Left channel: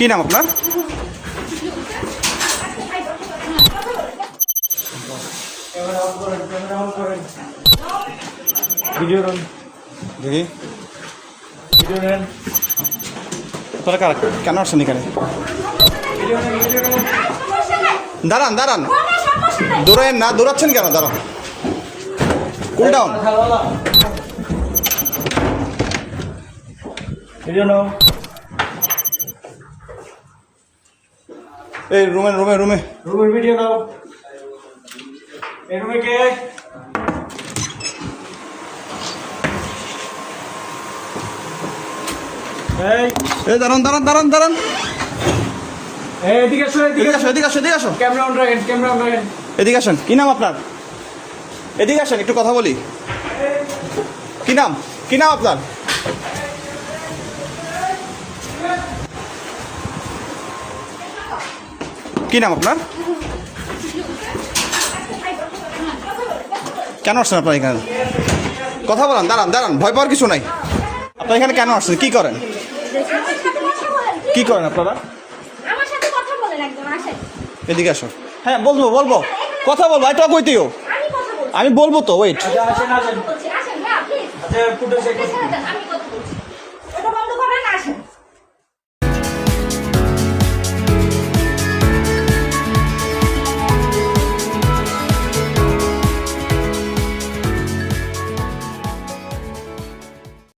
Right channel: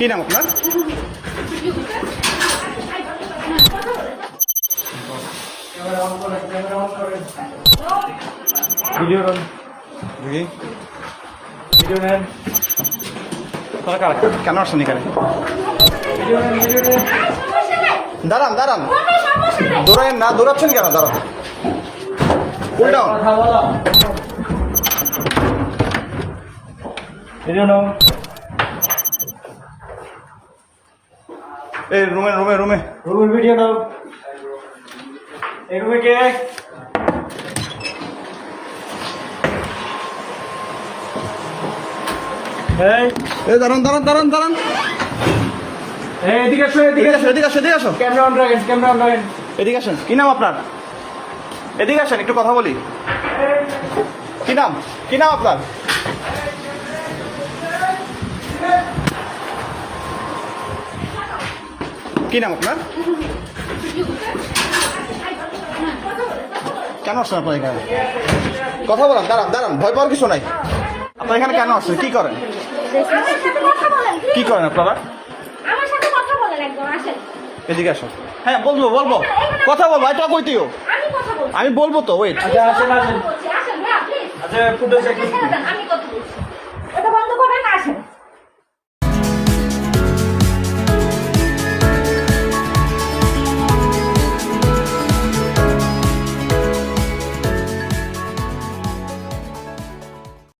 কি নাম আপনার? কেন আসছেন এখানে? দাঁড়ান দাঁড়ান, দৌড়াইন না, দৌড়াচ্ছেন কেন? দাঁড়ান, কুল ডাউন। এই রুমে রুমে রুমে রুমের ভিডিও নাও। এই রুমে কে? এই দাঁড়ান দাঁড়ান দাঁড়ান দাঁড়ান, এদিকে আসো, এদিকে আসো এদিকে আসো এদিকে আসো, ক্যামেরা অন রাখেন, ক্যামেরা অন রাখেন। এদিকে আসেন। কি নাম আপনার? এদিকে আসেন, একটু কথা বলি। কি নাম? কি নাম আপনার? কি নাম আপনার? কেন আসছেন আপনার এখানে? কথা বলেন। দাঁড়ান দাঁড়ান, ভয় পাওয়ার কিছু নাই। আপনার এখানে কেন আসছেন? কি করেন? কি করেন আপনারা? আমার সাথে কথা বলেন একদম, আসেন। এদিকে আসো। হ্যাঁ বলবো বলবো, কথা বলবো, এটা কইতেও আমি কথা বলছি। আমি বলবো তো, ওয়েট। আচ্ছা আসেন আসেন। বলছি, আসেন ভাইয়া প্লিজ। আচ্ছা ফুটেজ ছেড়ে দেন, আমি